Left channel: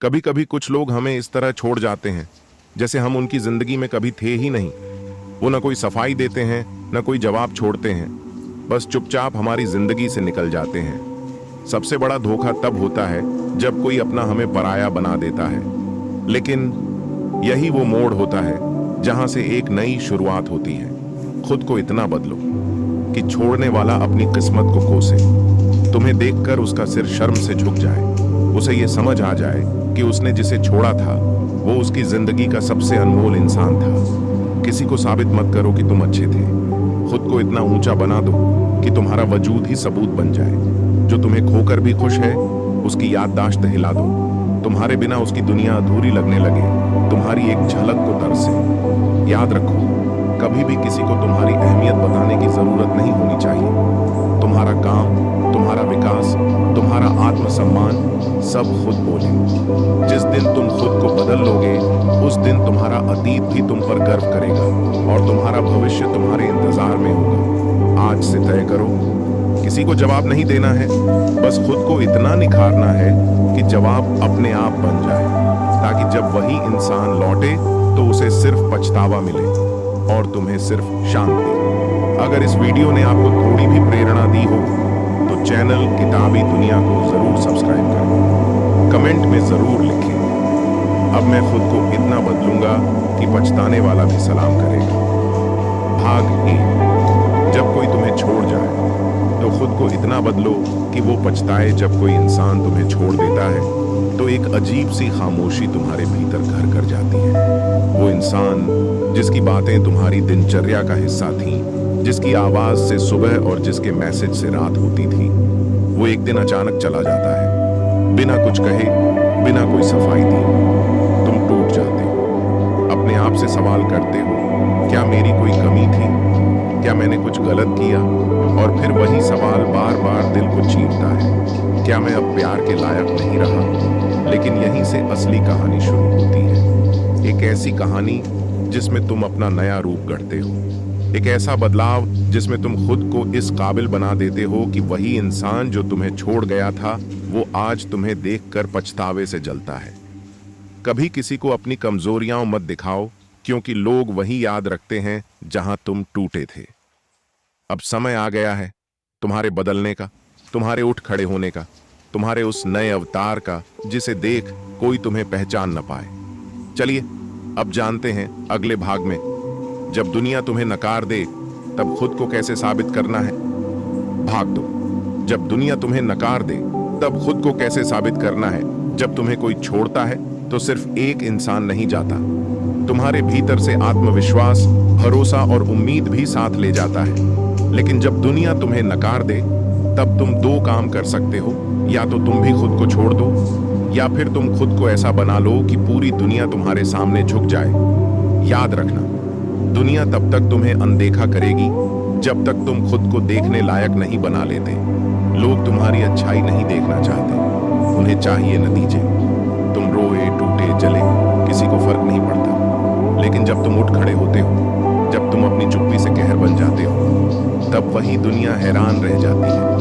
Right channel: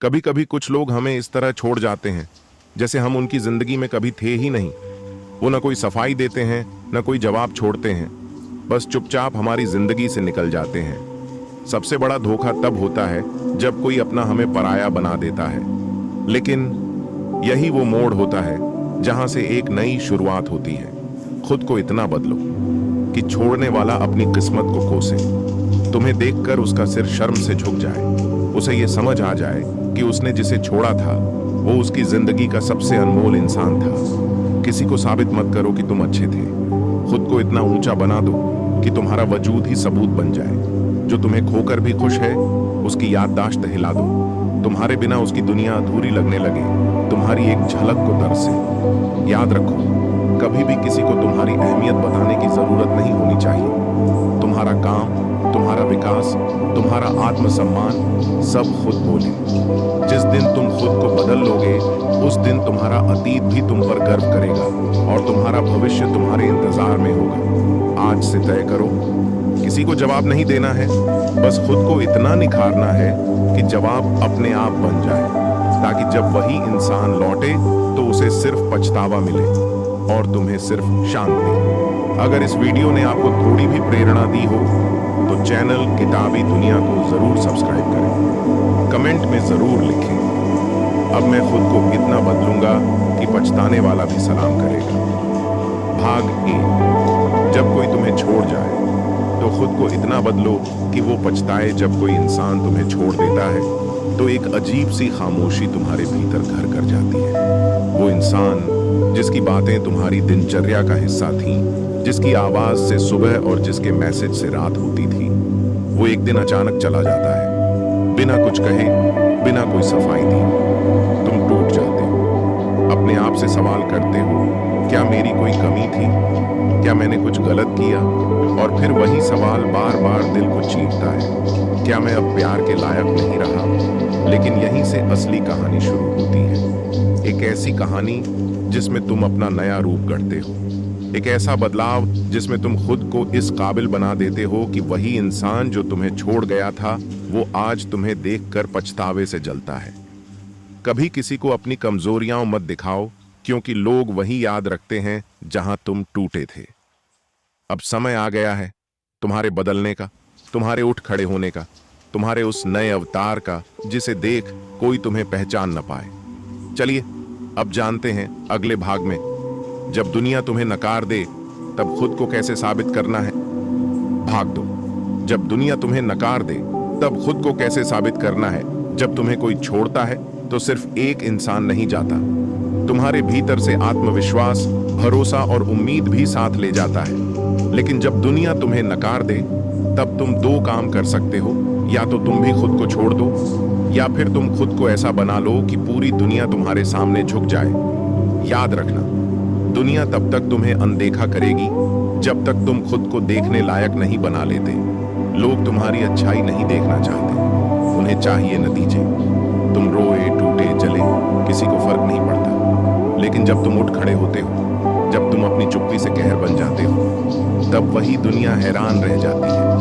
कभी कभी कुछ लोग हमें इस तरह छोड़ जाते हैं जैसे हम उनकी जिंदगी में कभी थे ही नहीं। वो न कोई सफाई देते हैं, न कोई जवाब छोड़ते हैं, बस चुपचाप हमारी जिंदगी से निकल जाते हैं। सबसे बड़ा धोखा तब होता है जब कोई अपना हमें पराया बना देता है। लेकिन यही वो मोड़ होता है जहां से एक नई शुरुआत होती है। खुद को इतना बदलो कि छोड़ने वाला अपनी किस्मत को कोसे। तुम्हें देखकर उसका सिर शर्म से झुक जाए, उसे ये समझ आ जाए कि उसने जिसे छोड़ा था वो उसकी जिंदगी का सबसे अनमोल इंसान था। किसी को साबित मत करो कि तुम अच्छे थे। खुद को इतना ऊंचा बना दो कि तुम्हारा वजूद ही सबूत बन जाए। जो तुम्हें खोकर भी खुश है उसकी याददाश्त हिला दो। तुम्हारे बिना उसकी दुनिया अधूरी लगने लगे तुम्हारी एक झलक को तरसे। याद रखो, कभी भी किसी को तुम्हारी अहमियत बताने की जरूरत नहीं होनी चाहिए। तुम्हारा काम, तुम्हारा विकास, तुम्हारा आत्मसम्मान सब खुद बोले। जिस दिन तुम खुद को बदल लोगे उस दिन तुम्हारा अतीत भी तुम पर गर्व करेगा और तुम्हारा भविष्य तुम्हारे इंतजार में होगा। आज से तय करो, किसी को जवाब नहीं देना है, बस खुद को इतना निखारना है कि जवाब अपने आप बन जाए, ताकि जब वही इंसान लौटे तो उसे सिर्फ पछतावा मिले और तुम्हें सिर्फ शांति। अगर इस वीडियो ने आपको थोड़ी भी प्रेरणा दी हो तो चैनल किताबी दुनिया को जरूर सब्सक्राइब करें। कमेंट में जरूर लिखें, अब मैं खुद को इतना बदलूंगा कि पछताने वाला भी सलाम करेगा। भाग 1। जब कोई तुम्हें छोड़ जाए तो खुद को इतना बदलो कि वो पछताए। जब कोई इंसान तुम्हें छोड़ देता है तो एक अजीब सी खामोशी तुम्हारे भीतर घर कर जाती है। वो इंसान जिसकी बातें तुम्हारी दिनचर्या का हिस्सा थीं, जिसकी आवाज से सुबह और जिसके मैसेज से रात होती थी, वो एक दिन अचानक चला जाता है, बिना कुछ कहे, बिना कोई सफाई दी। तुम टूट जाते हो, अपने आप से सवाल करते हो, क्या मेरी कोई कमी थी? क्या मैंने कुछ गलत किया? और फिर वही सवाल बार बार दिल को चीरता है, क्या मैं अब प्यार के लायक नहीं रहा? लेकिन यहीं से असली कहानी शुरू होती है। एक ऐसी कहानी जिसमें तुम अपना नया रूप गढ़ते हो, एक ऐसा बदलाव जिसमें तुम खुद को इस काबिल बना देते हो कि वही इंसान जो तुम्हें छोड़ गया था वो आज तुम्हें देखकर पछतावे से जलता है। कभी किसी को अपनी कमजोरियां मत दिखाओ, क्योंकि लोग वही याद रखते हैं जहां तुम टूटे थे। अब समय आ गया है तुम्हारे बदलने का, तुम्हारे उठ खड़े होने का, तुम्हारे उस नए अवतार का जिसे देख कोई तुम्हें पहचान न पाए। चलिए अब जानते हैं अगले भाग में, जब दुनिया तुम्हें नकार दे तब खुद को कैसे साबित करना है। भाग 2। जब दुनिया तुम्हें नकार दे तब खुद को कैसे साबित करना है। जब तुम्हें कोई छोड़ता है तो सिर्फ एक इंसान नहीं जाता, तुम्हारे भीतर से आत्मविश्वास, भरोसा और उम्मीद भी साथ ले जाता है। लेकिन जब दुनिया तुम्हें नकार दे तब तुम 2 काम कर सकते हो, या तो तुम भी खुद को छोड़ दो या फिर तुम खुद को ऐसा बना लो कि पूरी दुनिया तुम्हारे सामने झुक जाए। याद रखना, दुनिया तब तक तुम्हें अनदेखा करेगी जब तक तुम खुद को देखने लायक नहीं बना लेते। लोग तुम्हारी अच्छाई नहीं देखना चाहते, उन्हें चाहिए नतीजे। तुम रोए, टूटे, जले, किसी को फर्क नहीं पड़ता। लेकिन जब तुम उठ खड़े होते हो, जब तुम अपनी चुप्पी से कहर बन जाते हो, तब वही दुनिया हैरान रह जाती है।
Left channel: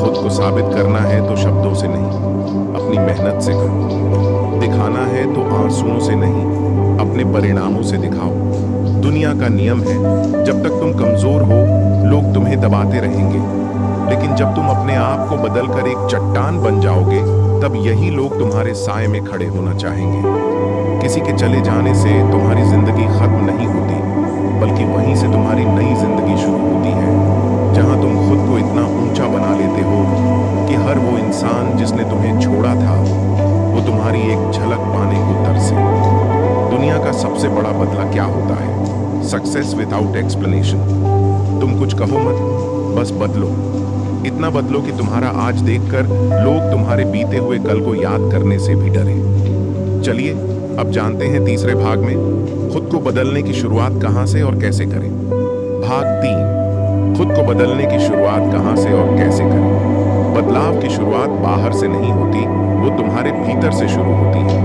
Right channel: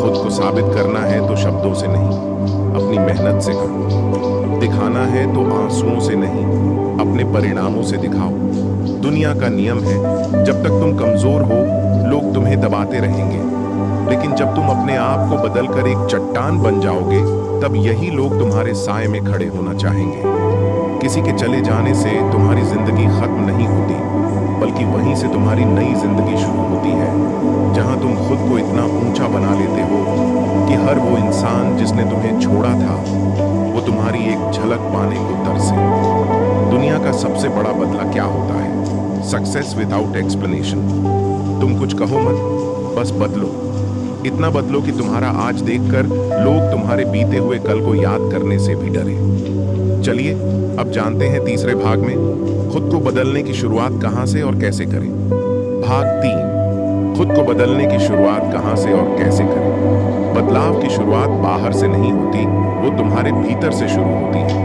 खुद को साबित करना है तो शब्दों से नहीं, अपनी मेहनत से करो। दिखाना है तो आंसुओं से नहीं, अपने परिणामों से दिखाओ। दुनिया का नियम है, जब तक तुम कमजोर हो लोग तुम्हें दबाते रहेंगे, लेकिन जब तुम अपने आप को बदलकर एक चट्टान बन जाओगे तब यही लोग तुम्हारे साए में खड़े होना चाहेंगे। किसी के चले जाने से तुम्हारी जिंदगी खत्म नहीं होती, बल्कि वहीं से तुम्हारी नई जिंदगी शुरू होती है, जहां तुम खुद को इतना ऊंचा बना लेते हो कि हर वो इंसान जिसने तुम्हें छोड़ा था वो तुम्हारी एक झलक पाने को तरसे। दुनिया का सबसे बड़ा बदला क्या होता है? Success without explanation. तुम कुछ कहो मत, बस बदलो। इतना बदलो कि तुम्हारा आज देखकर लोग तुम्हारे बीते हुए कल को याद करने से भी डरे। चलिए अब जानते हैं तीसरे भाग में, खुद को बदलने की शुरुआत कहां से और कैसे करें। भाग 3। खुद को बदलने की शुरुआत कहां से और कैसे करें। बदलाव की शुरुआत बाहर से नहीं होती, वो तुम्हारे भीतर से शुरू होती है।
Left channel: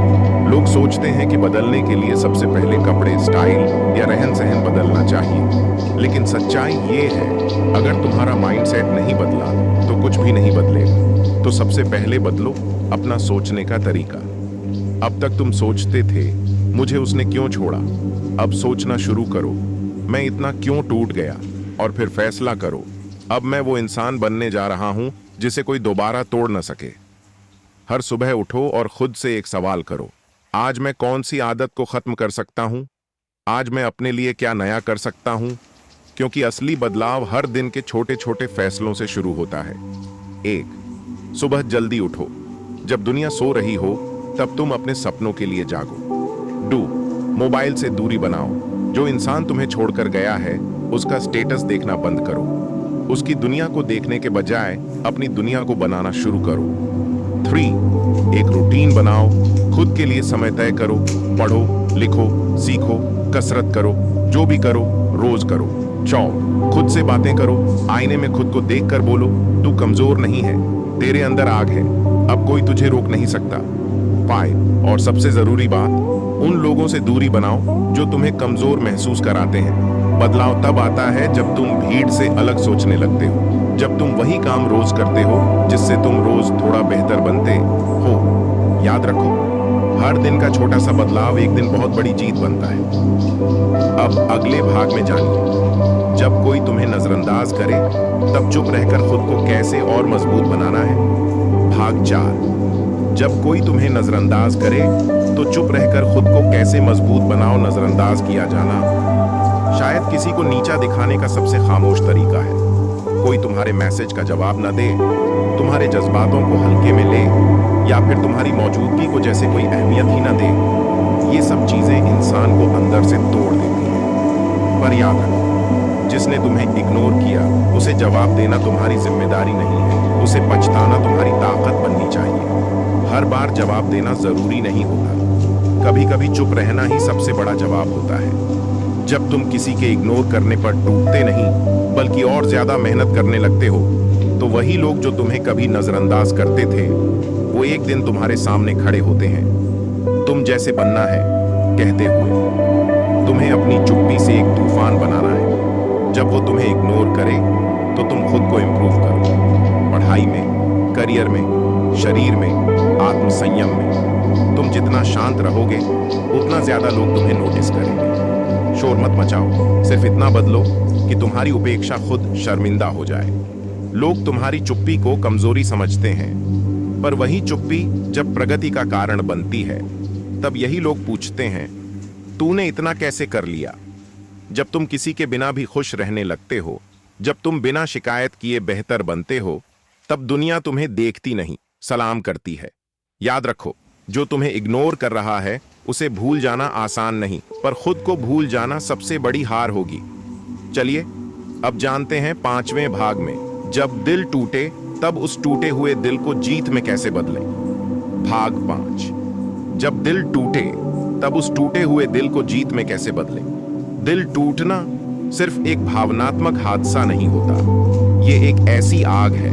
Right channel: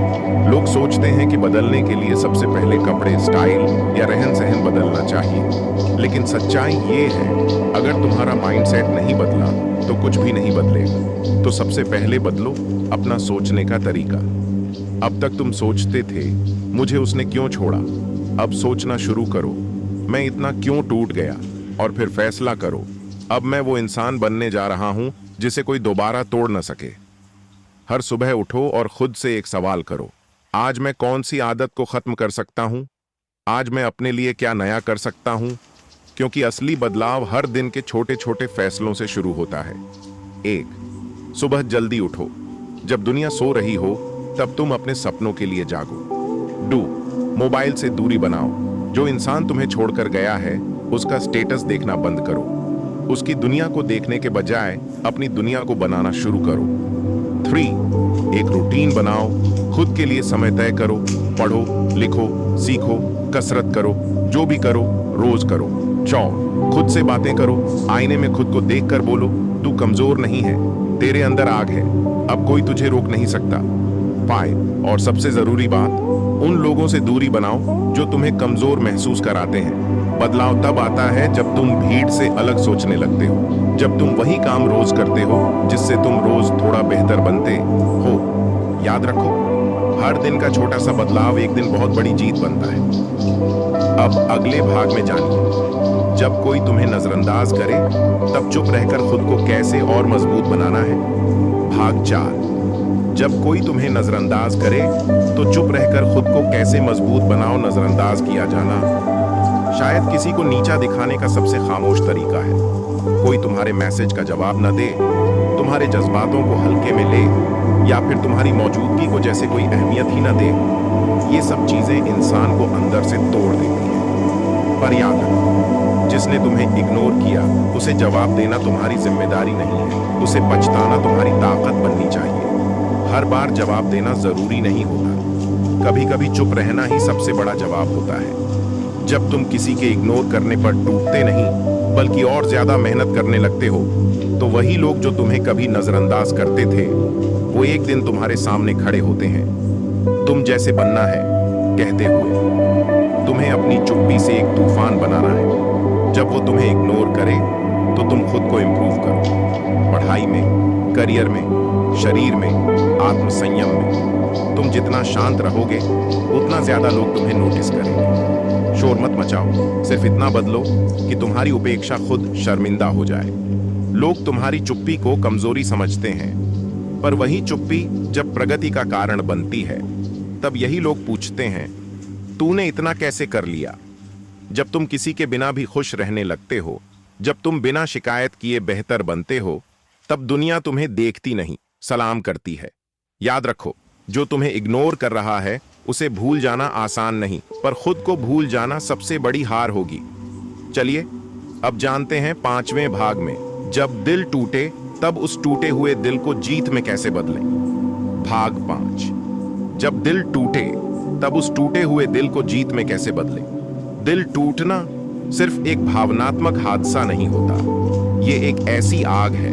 लोग सोचते हैं कि बदलने के लिए सबसे पहले कपड़े, स्टाइल या रहन सहन बदलना चाहिए, लेकिन सच्चाई ये है, अगर तुम्हारा माइंडसेट नहीं बदला तो कुछ भी नहीं बदलेगा। तो सबसे पहले बदलो अपना सोचने का तरीका। अब तक तुम सोचते थे मुझे उसने क्यों छोड़ा। अब सोचना शुरू करो, मैं इतना क्यों टूट गया, और फिर फैसला करो। अब मैं वो इंसान बनने जा रहा हूं जिसे कोई दोबारा तोड़ न सके। हर सुबह उठो और खुद से एक सवाल करो, आज मैं कौन सी आदत को खत्म कर सकता हूं? आज मैं अपने लिए क्या नया कर सकता हूं? क्योंकि असली बदलाव हर दिन के छोटे छोटे फैसलों से शुरू होता है। 1, सुबह जल्दी उठो। जब दुनिया सो रही हो तब तुम अपने सपनों के लिए जागो। 2, मोबाइल से दूरी बनाओ। जो इंसान तुम्हें छोड़कर गया है उसका स्टेटस देखना बंद करो। उसकी दुनिया को देखने के बजाय अपनी दुनिया को बनाना शुरू करो। 3, एक रूटीन बनाओ। खुद के लिए समय तय करो। पढ़ो, लिखो, सीखो, कसरत करो, जो भी करो रोज करो। 4, खुद से बातें करो। आईने में खुद को देखकर बोलो, तू कमजोर नहीं है, तेरे अंदर आग है, अब कोई तुझे रोक नहीं सकता। 5, और सबसे जरूरी बात, उन लोगों से दूरी बनाओ जो तुम्हें कमजोर महसूस कराते हैं। बदलाव तब आता है जब तुम भीड़ से अलग सोचने लगते हो, जब तुम वही काम रोज करते हो जिससे तुम रोज थोड़ा बेहतर बनते हो। याद रखो, हर दिन का छोटा सा बदलाव एक दिन बहुत बड़ी जीत बनता है। अब अगले भाग में जानिए, जब कोई तुम्हें नजरअंदाज करे तब चुप रहकर खुद को कैसे और मजबूत बनाना है। भाग 4, जब कोई तुम्हें नजरअंदाज करे तो चुप रहकर खुद को कैसे मजबूत बनाओ। नजरअंदाज किया जाना शायद किसी को नीचा दिखाने का सबसे खामोश तरीका है। कोई तुम्हारे मैसेज का जवाब न दे, तुम्हारे जज्बातों को हल्के में ले, या फिर तुम्हारी मौजूदगी को जैसे कोई अहमियत ही न दे। ये सब चीजें इंसान को अंदर से तोड़ देती हैं। पर याद रखो, जिसने तुम्हें इग्नोर किया उसे जवाब देना तुम्हारी जिम्मेदारी नहीं है, उसे पछताना तुम्हारी ताकत बननी चाहिए। हर बार जवाब देना जरूरी नहीं होता, कभी कभी चुप रहना ही सबसे बड़ा जवाब होता है। जब तुम किसी के इग्नोर करने पर टूटते नहीं बल्कि और ज्यादा मेहनत करने लगते हो, तो वही लोग जो तुम्हें कभी नजरअंदाज करते थे वो एक दिन तुम्हारे सामने खड़े होते हैं। तुम जैसे बनना है कहते हुए तुम्हें अपनी चुप्पी से एक तूफान बनाना है। जब वो तुम्हें इग्नोर करे तो तुम खुद को इंप्रूव करो, पढ़ाई में, करियर में, शरीर में, आत्मसंयम में। तुम जितना शांत रहोगे उतना ज्यादा लोग तुम्हें नोटिस करेंगे। शोर मत मचाओ, सिर्फ इतना बदलो कि तुम्हारी उपेक्षा खुद शर्मिंदा हो जाए। लोग तुम्हारी चुप्पी को कमजोरी समझते हैं, पर वही चुप्पी जब प्रगति का कारण बनती है तब यही लोग पूछते हैं, तूने इतना कैसे कर लिया? जब तुम किसी के बिना भी खुश रहने लगते हो, जब तुम बिना शिकायत किए बेहतर बनते हो, तब दुनिया तुम्हें देखती नहीं, सलाम करती है। याद रखो, जो तुम्हें इग्नोर कर रहा है उसे भूल जाना आसान नहीं, पर खुद को भूल जाना सबसे बड़ी हार होगी। चलिए अब जानते हैं 5वें भाग में, जब दिल टूटे तब उस टूटे हुए दिल को जीत में कैसे बदलें। भाग 5, जब दिल टूटे तब उस टूटे हुए दिल को जीत में कैसे बदलें। दिल टूटना सिर्फ एक भावनात्मक हादसा नहीं होता, ये एक ऐसी आग है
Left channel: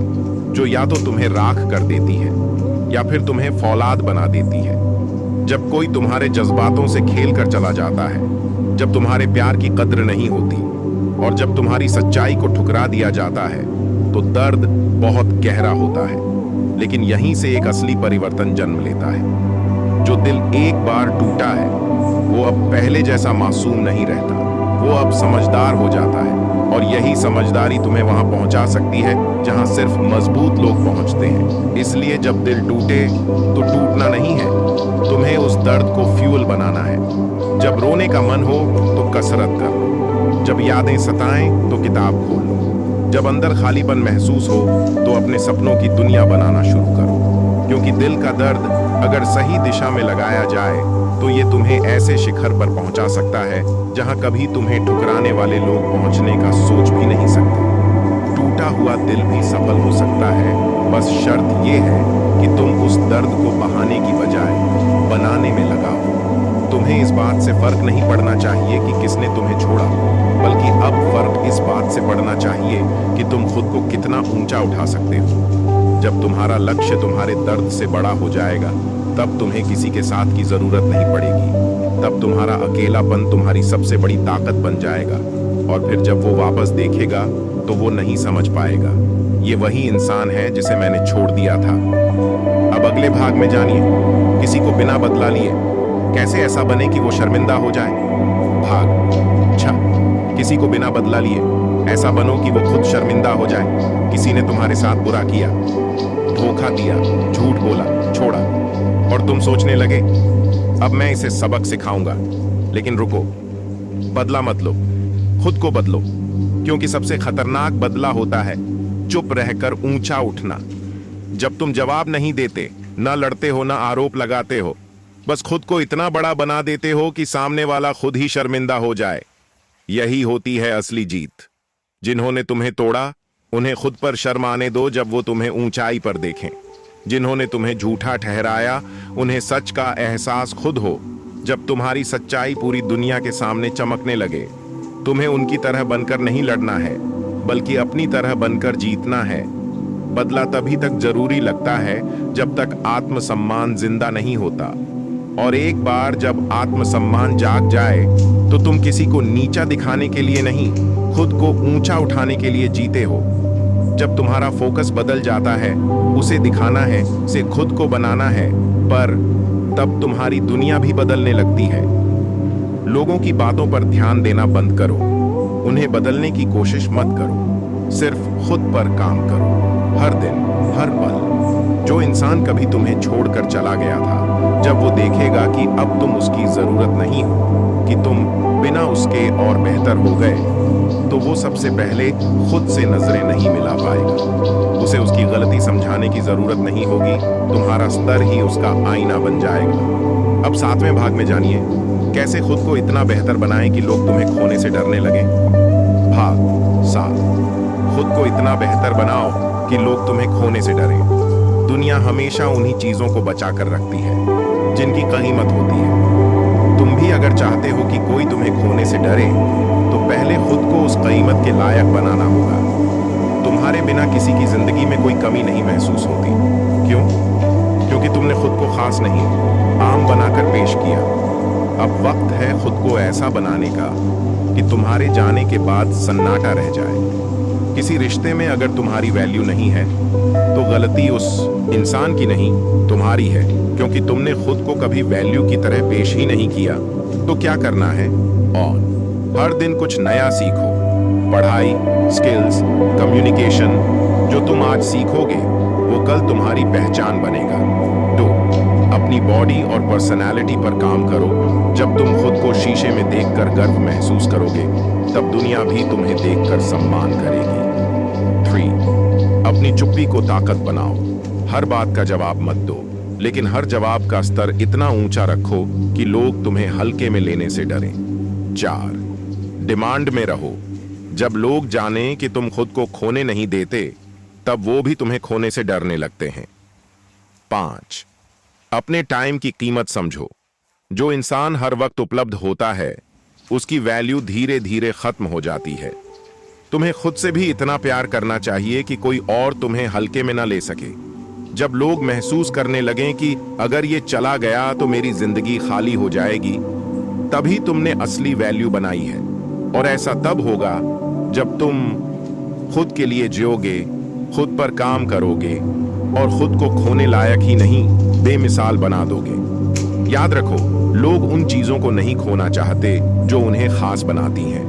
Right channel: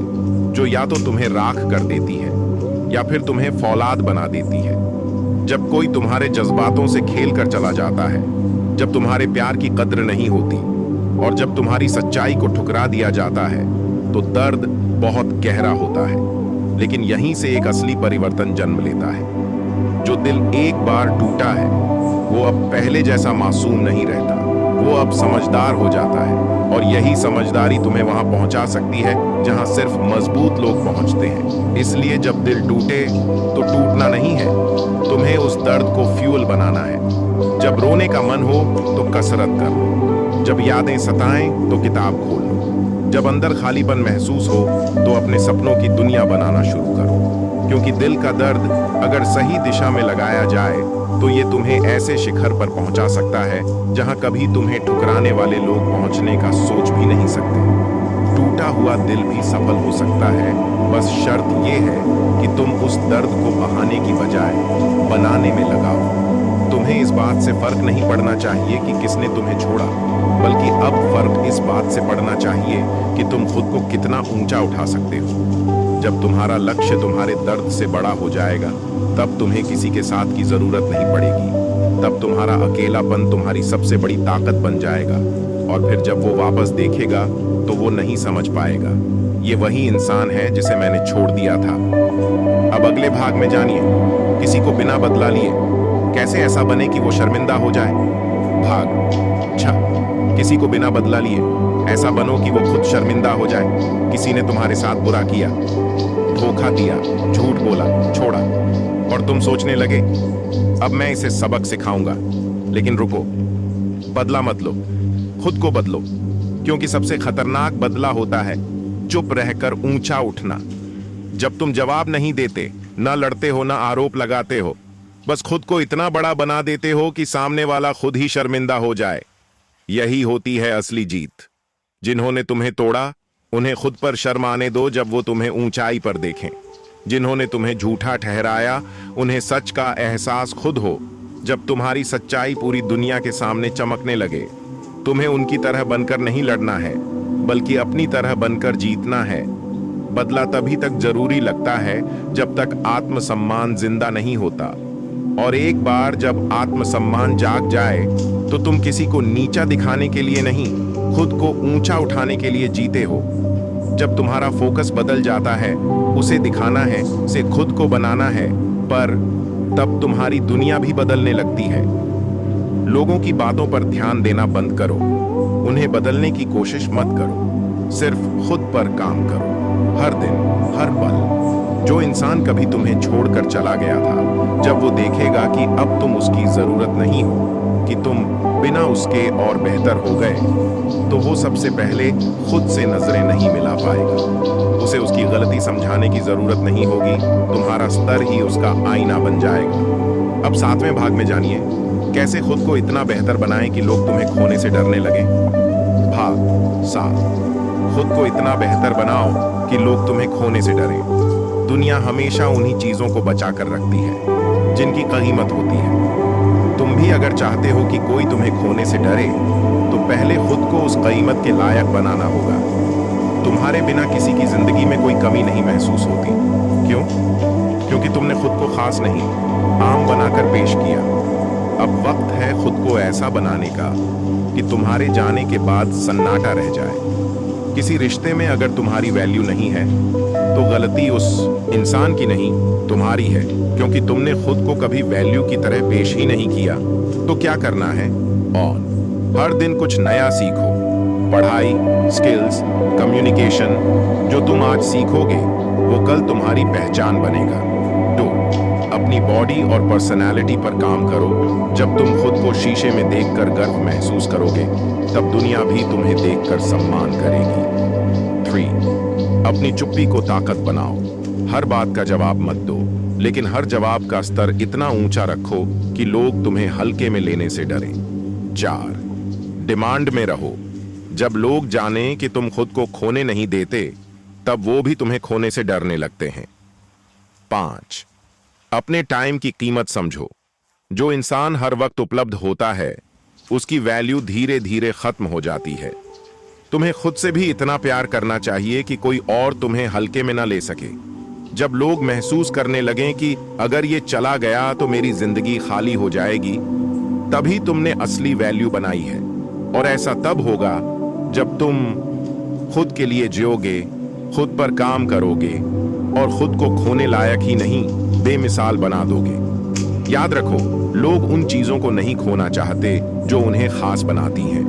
जो या तो तुम्हें राख कर देती है या फिर तुम्हें फौलाद बना देती है। जब कोई तुम्हारे जज्बातों से खेल कर चला जाता है, जब तुम्हारे प्यार की कद्र नहीं होती और जब तुम्हारी सच्चाई को ठुकरा दिया जाता है, तो दर्द बहुत गहरा होता है। लेकिन यहीं से एक असली परिवर्तन जन्म लेता है। जो दिल एक बार टूटा है वो अब पहले जैसा मासूम नहीं रहता, वो अब समझदार हो जाता है। और यही समझदारी तुम्हें वहां पहुंचा सकती है जहां सिर्फ मजबूत लोग पहुंचते हैं। इसलिए जब दिल टूटे तो टूटना नहीं है, तुम्हें उस दर्द को फ्यूल बनाना है। जब रोने का मन हो तो कसरत कर लो, जब यादें सताएं तो किताब खोल लो, जब अंदर खालीपन महसूस हो तो अपने सपनों की दुनिया बनाना शुरू करो। क्योंकि दिल का दर्द अगर सही दिशा में लगाया जाए तो ये तुम्हें ऐसे शिखर पर पहुंचा सकता है जहां कभी तुम्हें ठुकराने वाले लोग पहुंचने का सोच भी नहीं सकते। टूटा हुआ दिल भी सफल हो सकता है, बस शर्त ये है कि तुम उस दर्द को बहाने की बजाय बनाने में लगाओ। तुम्हें इस बात से फर्क नहीं पड़ना चाहिए कि किसने तुम्हें छोड़ा, बल्कि अब फर्क इस बात से पड़ना चाहिए कि तुम खुद को कितना ऊंचा उठा सकते हो। जब तुम्हारा लक्ष्य तुम्हारे दर्द से बड़ा हो जाएगा तब तुम्हें किसी के साथ की जरूरत नहीं पड़ेगी। तब तुम्हारा अकेलापन तुम्हारी सबसे बड़ी ताकत बन जाएगा। और फिर जब वो वापस देखेगा तो वो नहीं समझ पाएगा ये वही इंसान है जिसे मैंने छोड़ दिया था। अब अगले भाग में जानिए किसी को बिना बदला लिए कैसे ऐसा बने कि वो शर्मिंदा हो जाए। भाग। अच्छा, किसी को बिना बदला लिए ऐसा बनो कि वो खुद शर्मिंदा हो जाए। किसी ने तुम्हारे साथ बुरा किया, धोखा दिया, झूठ बोला, छोड़ा, और तुम सोचने लगे अब मैं इसे सबक सिखाऊंगा। लेकिन रुको, बदला मत लो, खुद को बदलो, क्योंकि सबसे खतरनाक बदला होता है चुप रहकर ऊंचा उठना। जब तुम जवाब नहीं देते, ना लड़ते हो, ना आरोप लगाते हो, बस खुद को इतना बड़ा बना देते हो कि सामने वाला खुद ही शर्मिंदा हो जाए। यही होती है असली जीत। जिन्होंने तुम्हें तोड़ा उन्हें खुद पर शर्म आने दो जब वो तुम्हें ऊंचाई पर देखें। जिन्होंने तुम्हें झूठा ठहराया उन्हें सच का एहसास खुद हो जब तुम्हारी सच्चाई पूरी दुनिया के सामने चमकने लगे। तुम्हें उनकी तरह बनकर नहीं लड़ना है, बल्कि अपनी तरह बनकर जीतना है। बदला तभी तक जरूरी लगता है जब तक आत्मसम्मान जिंदा नहीं होता, और एक बार जब आत्मसम्मान जाग जाए तो तुम किसी को नीचा दिखाने के लिए नहीं, खुद को ऊंचा उठाने के लिए जीते हो। जब तुम्हारा फोकस बदल जाता है, उसे दिखाना है, उसे खुद को बनाना है, पर तब तुम्हारी दुनिया भी बदलने लगती है। लोगों की बातों पर ध्यान देना बंद करो, उन्हें बदलने की कोशिश मत करो, सिर्फ खुद पर काम करो। हर दिन, हर पल। जो इंसान कभी तुम्हें छोड़कर चला गया था, जब वो देखेगा कि अब तुम उसकी जरूरत नहीं हो, कि तुम बिना उसके और बेहतर हो गए, तो वो सबसे पहले खुद से नजरें नहीं मिला पाएगा। उसे उसकी गलती समझाने की जरूरत नहीं होगी, तुम्हारा स्तर ही उसका आईना बन जाएगा। अब 7वें भाग में जानिए कैसे खुद को इतना बेहतर बनाएं कि लोग तुम्हें खोने से डरने लगे। भाग 7। खुद को इतना बेहतर बनाओ कि लोग तुम्हें खोने से डरें। दुनिया हमेशा उन्हीं चीजों को बचा कर रखती है जिनकी कीमत होती है। तुम भी अगर चाहते हो कि कोई तुम्हें खोने से डरे, तो पहले खुद को उस कीमत के लायक बनाना होगा। तुम्हारे बिना किसी की जिंदगी में कोई कमी नहीं महसूस होती। क्यों? क्योंकि तुमने खुद को खास नहीं, आम बनाकर पेश किया। अब वक्त है खुद को ऐसा बनाने का कि तुम्हारे जाने के बाद सन्नाटा रह जाए। किसी रिश्ते में अगर तुम्हारी वैल्यू नहीं है, तो गलती उस इंसान की नहीं, तुम्हारी है, क्योंकि तुमने खुद को कभी वैल्यू की तरह पेश ही नहीं किया। तो क्या करना है? ऑन। हर दिन कुछ नया सीखो। पढ़ाई, स्किल्स, कम्युनिकेशन। जो तुम आज सीखोगे वो कल तुम्हारी पहचान बनेगा। 2, अपनी बॉडी और पर्सनालिटी पर काम करो। जब तुम खुद को शीशे में देखकर गर्व महसूस करोगे, तब दुनिया भी तुम्हें देखकर सम्मान करेगी। 3, अपनी चुप्पी को ताकत बनाओ। हर बात का जवाब मत दो, लेकिन हर जवाब का स्तर इतना ऊंचा रखो कि लोग तुम्हें हल्के में लेने से डरें। 4, डिमांड में रहो। जब लोग जाने कि तुम खुद को खोने नहीं देते, तब वो भी तुम्हें खोने से डरने लगते हैं। 5, अपने टाइम की कीमत समझो। जो इंसान हर वक्त उपलब्ध होता है, उसकी वैल्यू धीरे धीरे खत्म हो जाती है। तुम्हें खुद से भी इतना प्यार करना चाहिए कि कोई और तुम्हें हल्के में ना ले सके। जब लोग महसूस करने लगें कि अगर ये चला गया तो मेरी जिंदगी खाली हो जाएगी, तभी तुमने असली वैल्यू बनाई है। और ऐसा तब होगा जब तुम खुद के लिए जियोगे, खुद पर काम करोगे और खुद को खोने लायक ही नहीं, बेमिसाल बना दोगे। याद रखो, लोग उन चीजों को नहीं खोना चाहते जो उन्हें खास बनाती हैं।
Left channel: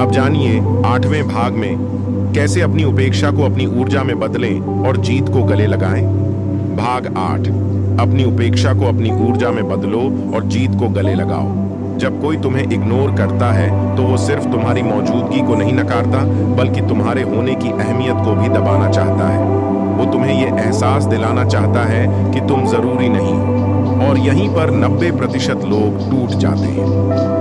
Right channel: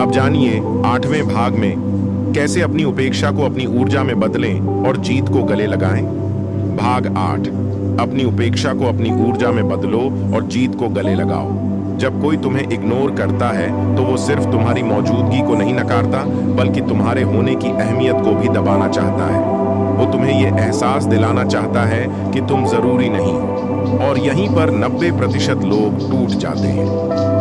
अब जानिए 8वें भाग में कैसे अपनी उपेक्षा को अपनी ऊर्जा में बदलें और जीत को गले लगाएं। भाग 8, अपनी उपेक्षा को अपनी ऊर्जा में बदलो और जीत को गले लगाओ। जब कोई तुम्हें इग्नोर करता है तो वो सिर्फ तुम्हारी मौजूदगी को नहीं नकारता, बल्कि तुम्हारे होने की अहमियत को भी दबाना चाहता है। वो तुम्हें ये एहसास दिलाना चाहता है कि तुम जरूरी नहीं हो। और यहीं पर 90% लोग टूट जाते हैं।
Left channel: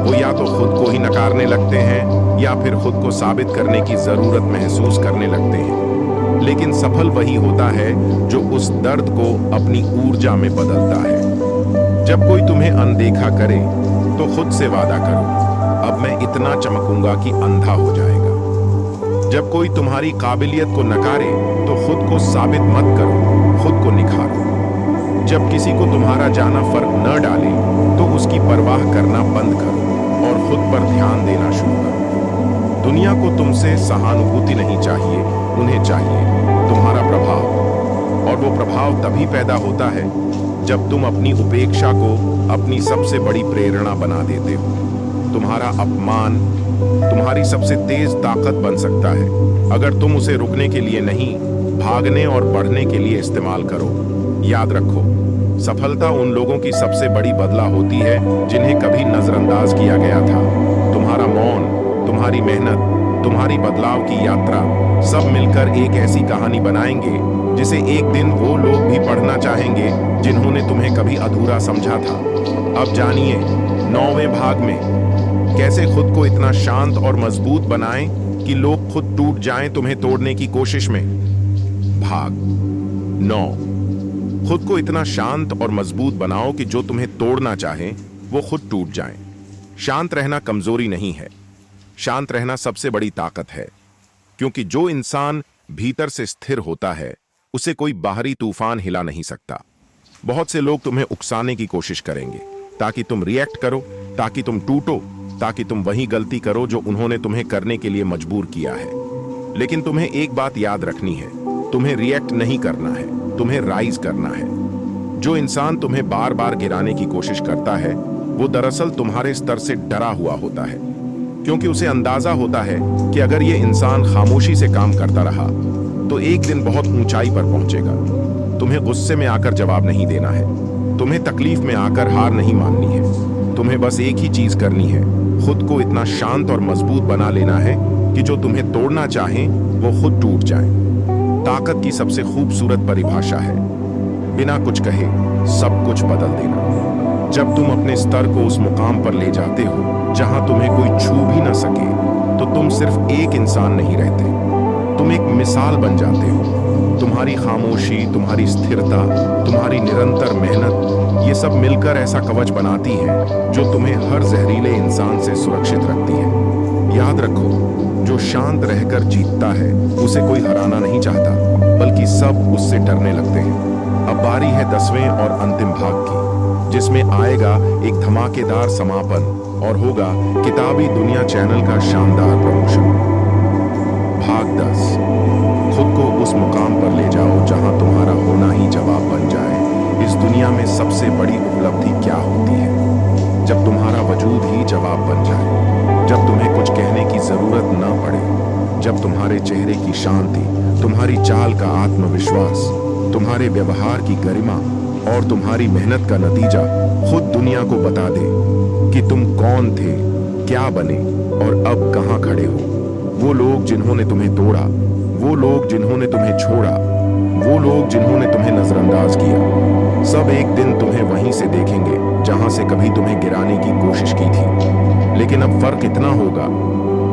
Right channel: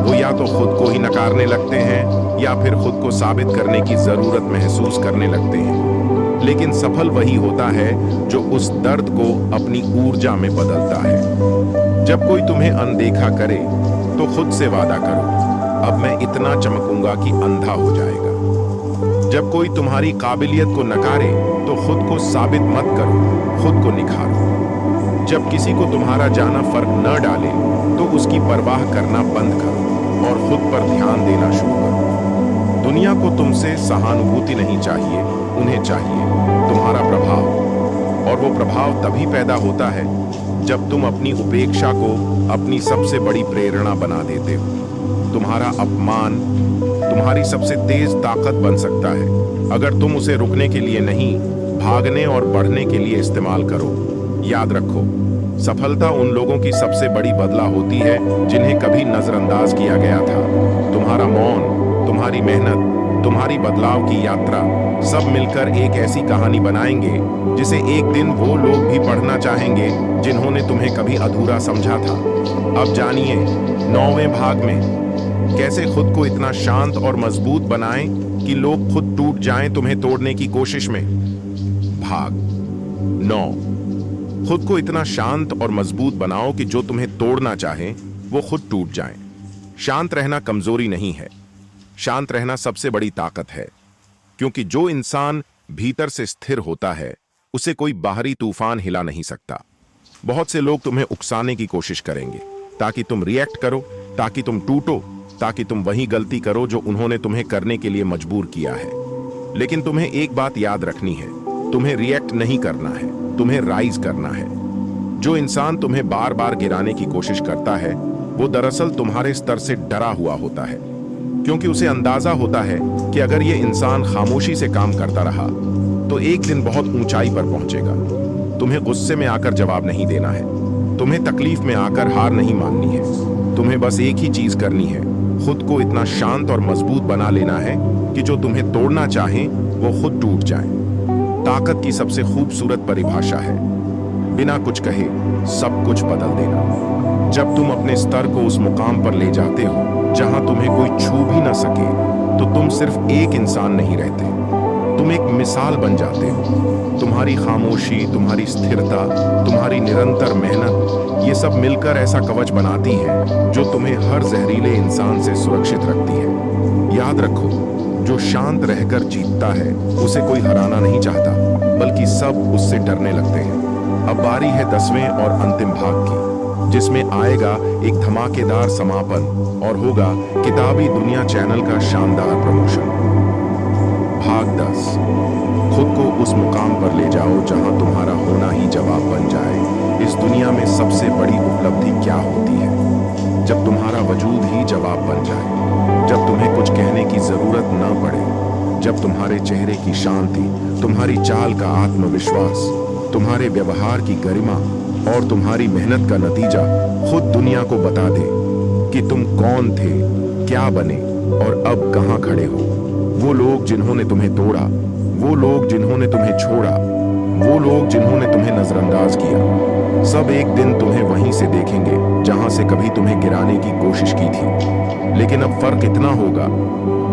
वो या तो खुद को ही नकारने लगते हैं या फिर खुद को साबित करने की जरूरत महसूस करने लगते हैं। लेकिन सफल वही होता है जो उस दर्द को अपनी ऊर्जा में बदलता है। जब कोई तुम्हें अनदेखा करे तो खुद से वादा करो, अब मैं इतना चमकूंगा कि अंधा हो जाएगा। जब कोई तुम्हारी काबिलियत को नकारे तो खुद को साबित मत करो, खुद को निखारो। जब किसी को तुम्हारा जाना फर्क न डाले तो उसकी परवाह करना बंद करो और खुद पर ध्यान देना शुरू करो। दुनिया को तुमसे सहानुभूति नहीं चाहिए, उन्हें चाहिए तुम्हारा प्रभाव। और वो प्रभाव तभी पैदा होता है जब तुम अपनी उपेक्षा को अपनी सबसे बड़ी प्रेरणा बना देते हो। तुम्हारा अपमान तुम्हारी सबसे तेज ताकत बन सकता है अगर तुम उसे रुकने के लिए नहीं, भागने और बढ़ने के लिए इस्तेमाल करो। याद रखो, सफलता उन लोगों की सबसे बड़ी बदला होती है जिन्हें कभी नजरअंदाज किया गया था। तुम्हारा मौन, तुम्हारी मेहनत, तुम्हारी बदलाव की यात्रा सब मिलकर एक ऐसी कहानी बनाएंगे जिसे एक दिन वो लोग भी पढ़ना चाहेंगे जिन्होंने तुम्हें कभी अधूरा समझा था। अब जानिए 9वें भाग में कैसे खुद को इतना शांत और मजबूत बनाएं कि लोग खुद टूट जाएं तुम्हें तोड़ने की कोशिश में। भाग 9। खुद को इतना शांत और मजबूत बनाओ कि जो तुम्हें तोड़ना चाहे वो खुद टूट जाएं। शांत रहना कमजोरी नहीं है, शांत रहना सबसे बड़ी ताकत है, क्योंकि जो इंसान भीतर से स्थिर होता है उसे कोई बाहरी तूफान हिला नहीं सकता। बहुत से लोग तुम्हें उकसाने की कोशिश करेंगे ताकि तुम रिएक्ट करो, ताकि तुम टूटो, ताकि तुम वही गलती करो जो उन्होंने तुम्हें करने के लिए मजबूर किया है। लेकिन तुम्हें एक बात याद रखनी है, तुम्हें रिएक्ट नहीं करना है, तुम्हें राइज करना है। जो इंसान तुम्हें बार बार गिराने की कोशिश करता है वो दरअसल तुम्हारे स्तर से डरा हुआ होता है, क्योंकि उसे अंदाजा होता है कि अगर ये इंसान खामोशी से काम करता रहा तो एक दिन बहुत ऊंचाई पर पहुंचेगा। तुम्हें गुस्से में आकर जवाब नहीं देना है, तुम्हें तकलीफ में आकर हार नहीं माननी है। तुम्हें बस एक ही चीज करनी है, खुद को इतना शांत और मजबूत बना लेना है कि जो तुम्हें तोड़ना चाहे वो खुद टूट जाए। ताकत की सबसे खूबसूरत परिभाषा है बिना कुछ कहे सब कुछ बदल देना। जब तुम अपने स्तर को उस मुकाम पर ले जाते हो जहां तुम्हें कोई छू भी ना सके तो तुम सिर्फ एक इंसान नहीं रहते, तुम एक मिसाल बन जाते हो। तुम्हारी खामोशी, तुम्हारी स्थिरता, तुम्हारी निरंतर मेहनत, ये सब मिलकर ऐसा कवच बनाती है जो तुम्हें हर जहरीले इंसान से सुरक्षित रखती है। याद रखो, जो शांत रहकर जीतता है उसे कोई हराना नहीं चाहता, बल्कि सब उससे डरने लगते हैं। अब बारी है 10वें और अंतिम भाग की, जिसमें आएगा एक धमाकेदार समापन और होगा किताबी दुनिया चैनल का शानदार प्रमोशन। भाग 10। खुद को उस मुकाम पर ले जाओ जहां तुम्हारा होना ही जवाब बन जाए। इस दुनिया में सबसे बड़ी उपलब्धि क्या होती है? जब तुम्हारा वजूद ही जवाब बन जाए, जब तुम्हें कुछ कहने की जरूरत न पड़े, जब तुम्हारे चेहरे की शांति, तुम्हारी चाल का आत्मविश्वास, तुम्हारे व्यवहार की गरिमा और तुम्हारी मेहनत का नतीजा खुद दुनिया को बता दे कि तुम कौन थे, क्या बने और अब कहां खड़े हो। वो लोग जिन्होंने तुम्हें तोड़ा, वो लोग जिन्होंने तुम्हें छोड़ा, वो लोग जिन्होंने तुम्हें नजरअंदाज किया, सब एक दिन तुम्हें वहीं से देखेंगे जहां से कभी तुम्हें गिराने की कोशिश की थी। लेकिन अब फर्क इतना होगा,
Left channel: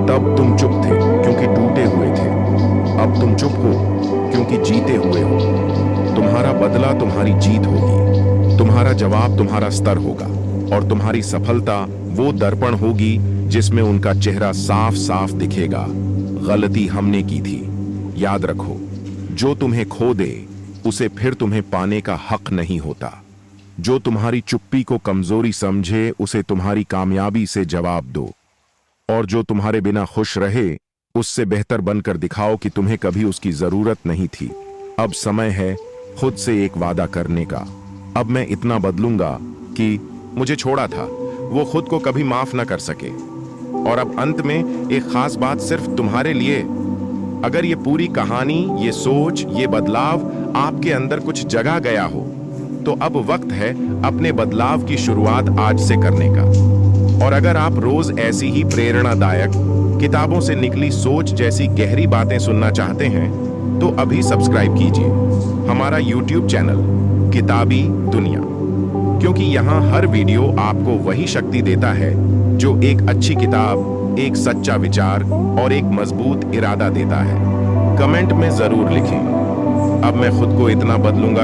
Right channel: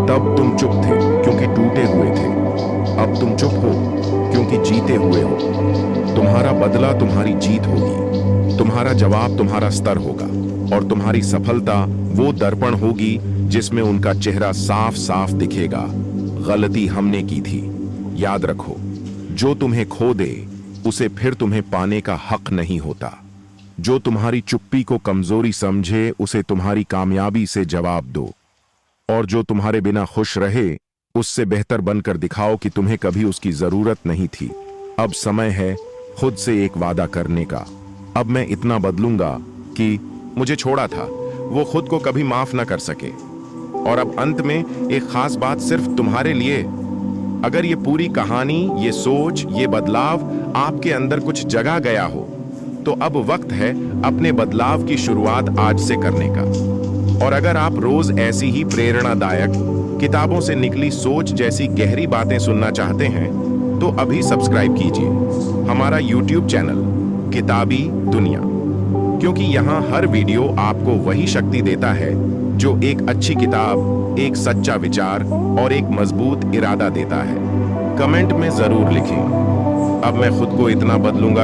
तब तुम चुप थे क्योंकि टूटे हुए थे, अब तुम चुप हो क्योंकि जीते हुए हो। तुम्हारा बदला तुम्हारी जीत होगी, तुम्हारा जवाब तुम्हारा स्तर होगा और तुम्हारी सफलता वो दर्पण होगी जिसमें उनका चेहरा साफ साफ दिखेगा। गलती हमने की थी। याद रखो, जो तुम्हें खो दे उसे फिर तुम्हें पाने का हक नहीं होता। जो तुम्हारी चुप्पी को कमजोरी समझे उसे तुम्हारी कामयाबी से जवाब दो, और जो तुम्हारे बिना खुश रहे उससे बेहतर बनकर दिखाओ कि तुम्हें कभी उसकी जरूरत नहीं थी। अब समय है खुद से एक वादा करने का। अब मैं इतना बदलूंगा कि मुझे छोड़ा था वो खुद को कभी माफ ना कर सके। और अब अंत में एक खास बात सिर्फ तुम्हारे लिए। अगर ये पूरी कहानी, ये सोच, ये बदलाव आपके अंदर कुछ जगह गया हो तो अब वक्त है अपने बदलाव की शुरुआत आज से करने का। और अगर आप रोज ऐसी ही प्रेरणादायक किताबों से निकली सोच जैसी गहरी बातें सुनना चाहते हैं तो अभी सब्सक्राइब कीजिए हमारा YouTube चैनल किताबी दुनिया, क्योंकि यहाँ हर वीडियो आपको वही शक्ति देता है जो एक अच्छी किताब, एक सच्चा विचार और एक मजबूत इरादा देता है। कमेंट में जरूर लिखें, अब मैं खुद को इतना बदलूंगा